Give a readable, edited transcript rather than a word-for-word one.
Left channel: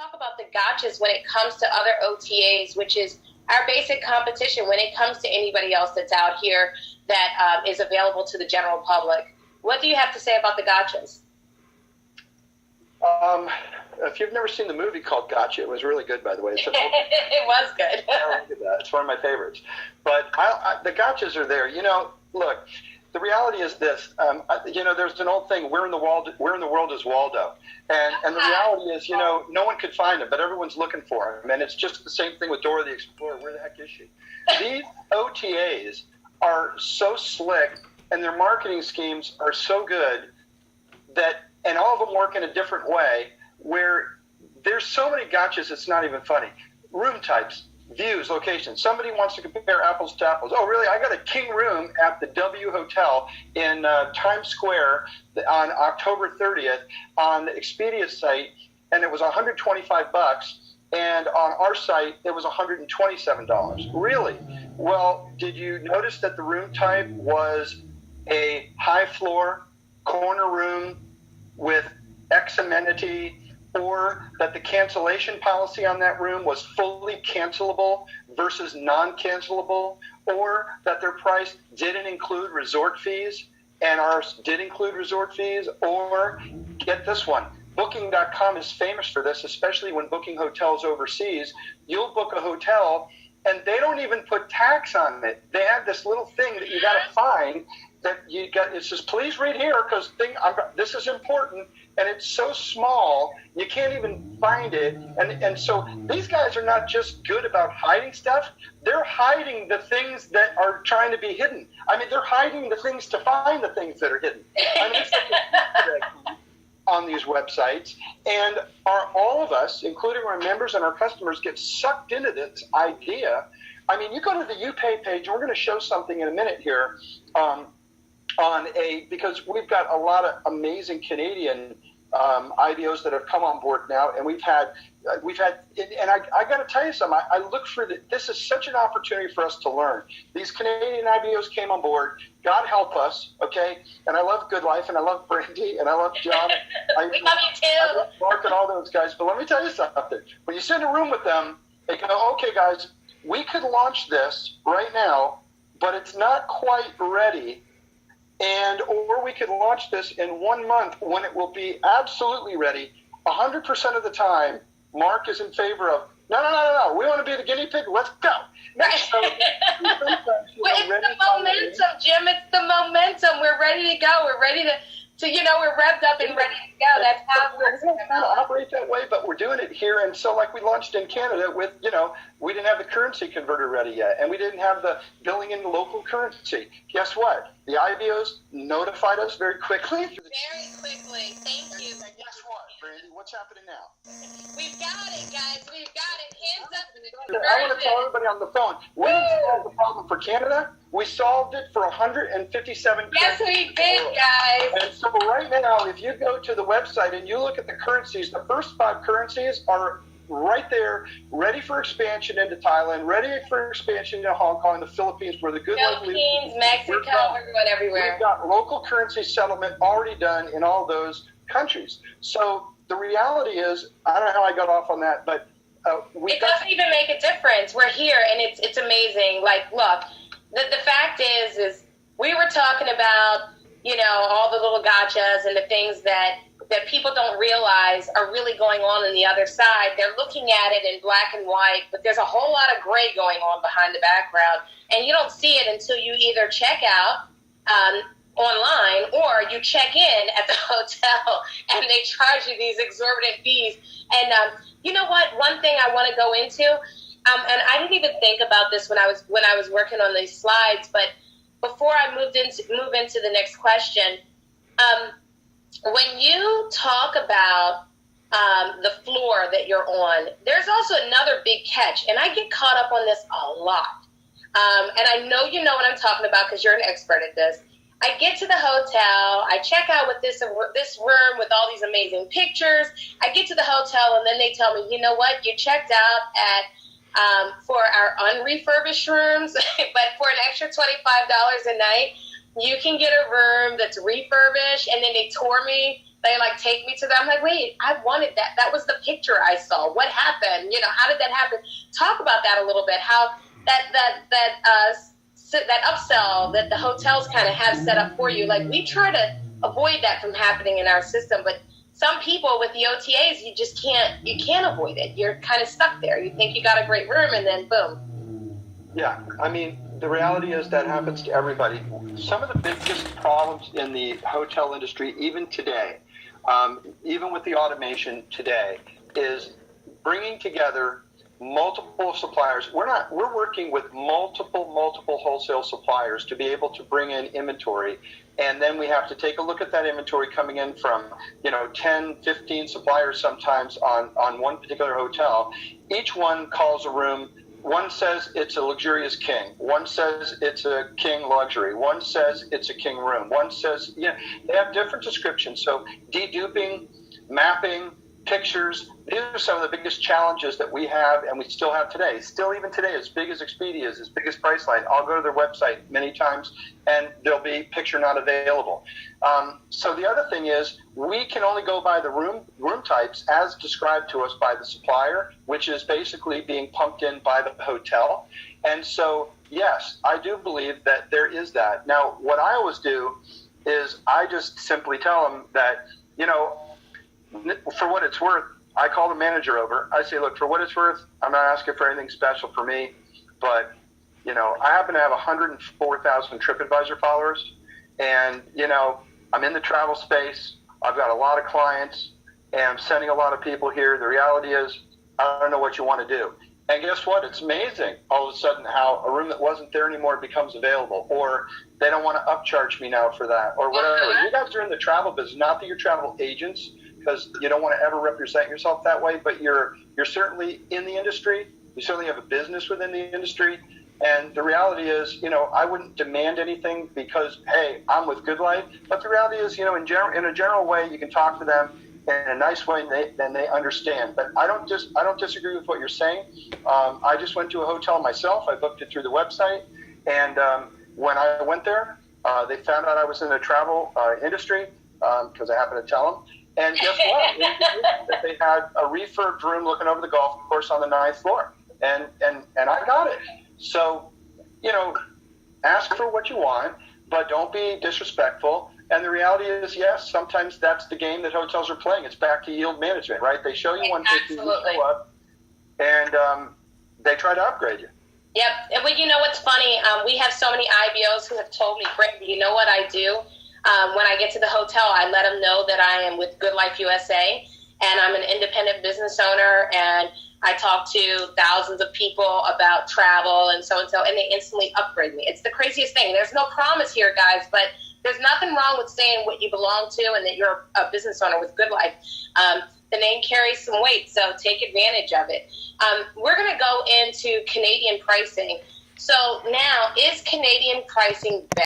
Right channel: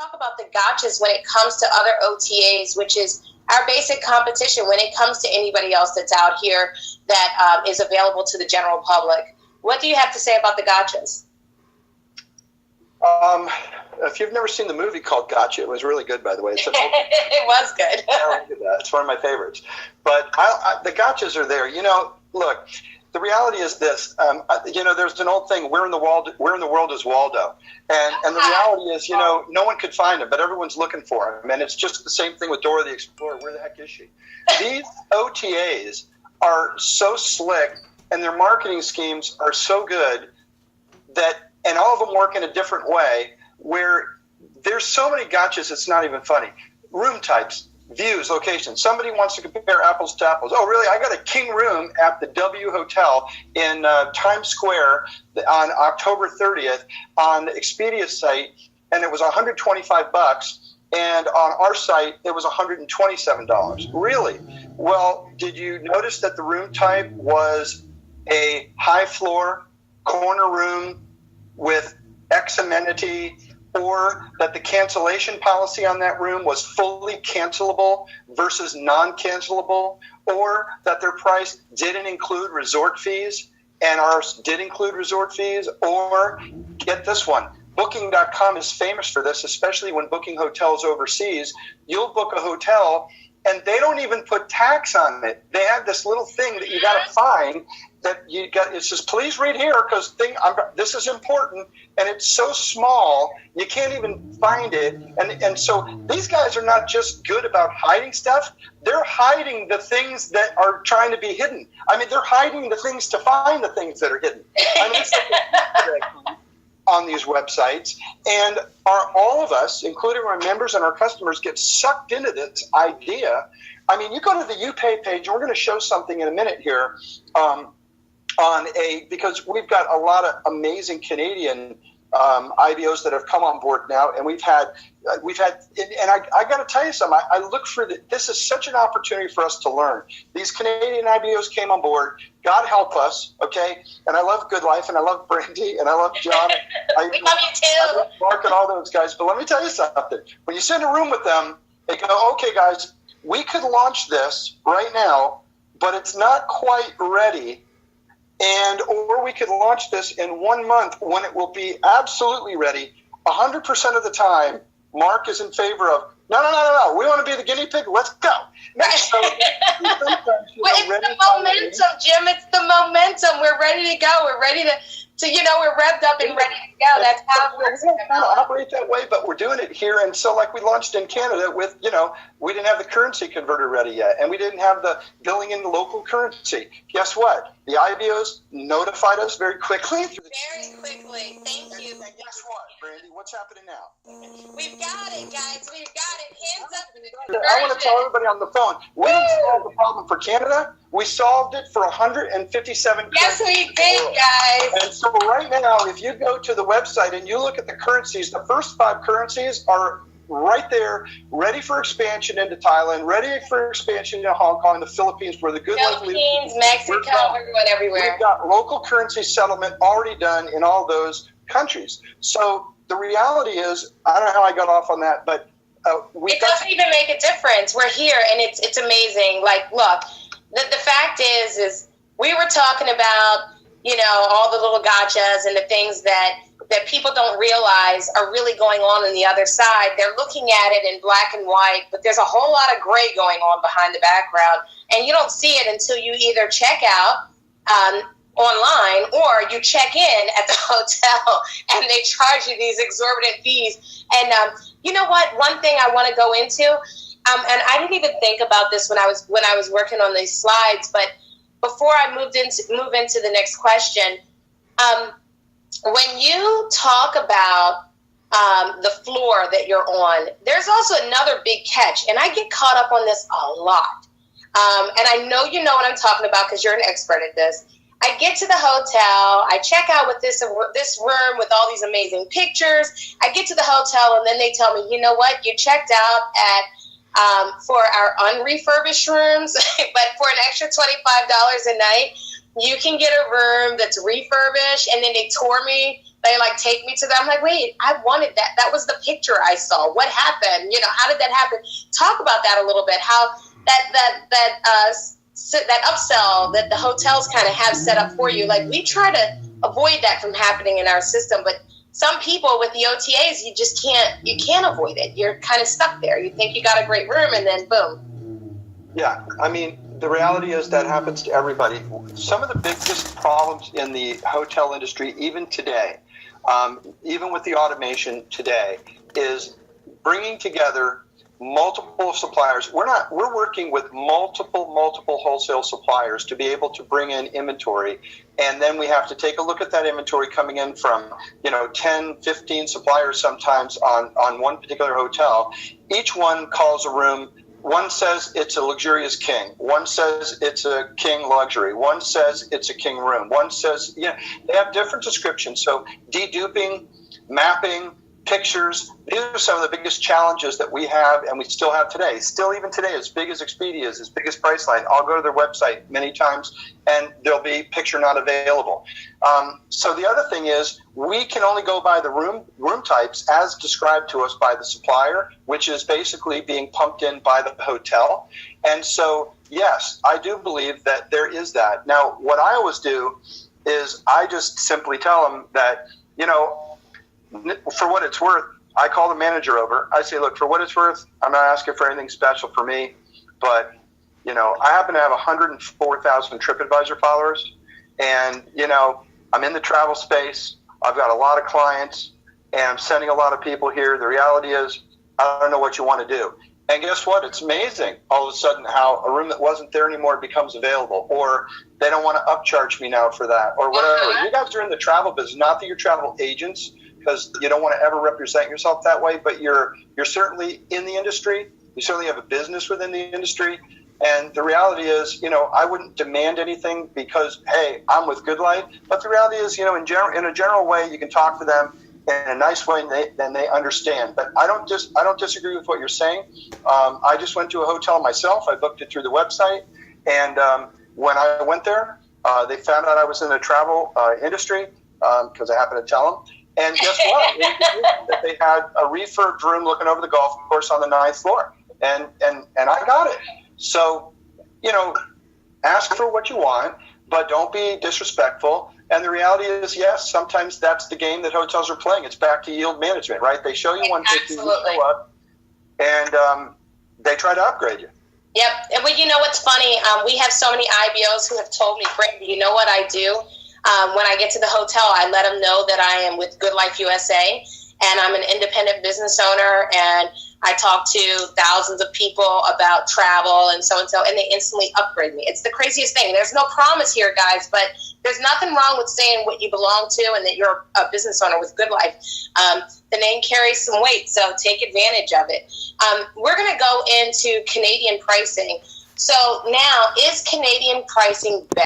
talk about the gotchas when it comes to other OTAs, which is our basic competition when it comes to anybody else that's out here that is available to the general public. What do you have to say about the gotchas? If you've never seen the movie called Gotcha, it was really good, by the way. It was good. It's one of my favorites. But the gotchas are there. Look, the reality is this. There's an old thing. Where in the world is Waldo? And the reality is, no one could find him, but everyone's looking for him. And it's just the same thing with Dora the Explorer. Where the heck is she? These OTAs are so slick, and their marketing schemes are so good and all of them work in a different way, where there's so many gotchas, it's not even funny. Room types, views, locations. Somebody wants to compare apples to apples. Oh, really? I got a king room at the W Hotel in Times Square on October 30th on the Expedia site, and it was $125, and on our site, it was $127. Really? Well, did you notice that the room type was a high floor, corner room with X amenity, or that the cancellation policy on that room was fully cancelable versus non-cancelable, or that their price didn't include resort fees and ours did include resort fees, or get this one, Booking.com is famous for this, especially when booking hotels overseas. You'll book a hotel and they don't even put tax on it. They have this little thing that you got to find that you got. It says, please read here because this is important, and it's so small you can't even find it. And so these guys are not just good about hiding stuff; they're hiding the things that are trying to be hidden. I mean, they're hiding the things to find the things that are hidden. I mean, it's like on these websites, and all of us, including our members and our customers, get sucked into this idea. I mean, you go to the UPay page, and we're going to show something in a minute here, because we've got a lot of amazing Canadian IBOs that have come on board now, and we've had, and I got to tell you something. I look for this is such an opportunity for us to learn. These Canadian IBOs came on board. God help us, okay? And I love GoodLife, and I love Brandy, and I love John. We love you too. I love Mark and all those guys. But let me tell you something. When you sit in a room with them, they go, okay, guys, we could launch this right now, but it's not quite ready. Or we could launch this in 1 month when it will be absolutely ready. 100% of the time, Mark is in favor of, no. We want to be the guinea pig. Let's go. Right. So, it's the momentum, Jim. It's the momentum. We're ready to go. We're ready to we're revved up and ready to go. That's how we're going to operate that way, but we're doing it here. And so like we launched in Canada with, we didn't have the currency converter ready yet, and we didn't have the billing in the local currency. Guess what? The IBOs notified us very quickly. Very quickly. Thank you. And guess what, Brandy? What's happening now? We've got it, guys. We've got it. Hands up. I want to tell everybody on the phone, we didn't solve the problem for Canada. We solved it for 157 countries. Yes, we did, guys. And so right now, if you go to the website and you look at the currencies, the first 5 currencies are right there, ready for expansion into Thailand, ready for expansion into Hong Kong, the Philippines, where the Philippines, Mexico, everywhere. We've got local currency settlement already done in all those countries. So the reality is, I don't know how I got off on that, but it doesn't even make a difference. We're here, and it's amazing. Like, look, the fact is we were talking about, all the little gotchas and the things that people don't realize are really going on the other side. They're looking at it in black and white, but there's a whole lot of gray going on behind the background, and you don't see it until you either check out online or you check in at the hotel and they charge you these exorbitant fees. And you know what? One thing I want to go into, and I didn't even think about this when I was working on these slides, but before I move into the next question, when you talk about the floor that you're on, there's also another big catch, and I get caught up on this a lot. And I know you know what I'm talking about because you're an expert at this. I get to the hotel, I check out with this room with all these amazing pictures. I get to the hotel, and then they tell me, you know what, you checked out at for our unrefurbished rooms, but for an extra $25 a night, you can get a room that's refurbished. And then they tour me They like take me to them. I'm like, wait, I wanted that. That was the picture I saw. What happened? You know, how did that happen? Talk about that a little bit. How that upsell that the hotels kind of have set up for you. Like, we try to avoid that from happening in our system, but some people with the OTAs, you can't avoid it. You're kind of stuck there. You think you got a great room, and then boom. Yeah, I mean, the reality is that happens to everybody. Some of the biggest problems in the hotel industry, even today, even with the automation today, is bringing together multiple suppliers. We're working with multiple wholesale suppliers to be able to bring in inventory. And then we have to take a look at that inventory coming in from, 10, 15 suppliers sometimes on one particular hotel. Each one calls a room. One says it's a luxurious king. One says it's a king luxury. One says it's a king room. One says, they have different descriptions. So deduping, mapping, pictures, these are some of the biggest challenges that we have and we still have today. Still, even today, as big as Expedia is, as big as Priceline, I'll go to their website many times and there'll be picture not available. So the other thing is, we can only go by the room types as described to us by the supplier, which is basically being pumped in by the hotel. And so, yes, I do believe that there is that. Now, what I always do is I just simply tell them that, for what it's worth, I call the manager over. I say, look, for what it's worth, I'm not asking for anything special for me, but, I happen to have 104,000 TripAdvisor followers, and, I'm in the travel space. I've got a lot of clients, and I'm sending a lot of people here. The reality is, I don't know what you want to do. And guess what? It's amazing all of a sudden how a room that wasn't there anymore becomes available, or they don't want to upcharge me now for that, or whatever. You guys are in the travel business, not that you're travel agents, because you don't want to ever represent yourself that way, but you're certainly in the industry. You certainly have a business within the industry. And the reality is, I wouldn't demand anything because, hey, I'm with GoodLife. But the reality is, in a general way, you can talk to them in a nice way, and they understand. But I don't disagree with what you're saying. I just went to a hotel myself. I booked it through the website. And when I went there, they found out I was in the travel industry because I happened to tell them. And guess what? That they had a refurbed room looking over the golf course on the 9th floor. And I got it. So, ask for what you want, but don't be disrespectful. And the reality is, yes, sometimes that's the game that hotels are playing. It's back to yield management, right? They show you 150, you show up, and they try to upgrade you. Yep. And well, what's funny? We have so many IBOs who have told me, Brandy, you know what I do? When I get to the hotel, I let them know that I am with GoodLife USA, and I'm an independent business owner, and I talk to thousands of people about travel and so, and they instantly upgrade me. It's the craziest thing. There's no promise here, guys, but there's nothing wrong with saying what you belong to and that you're a business owner with GoodLife. The name carries some weight, so take advantage of it. We're going to go into Canadian pricing. So now, is Canadian pricing better?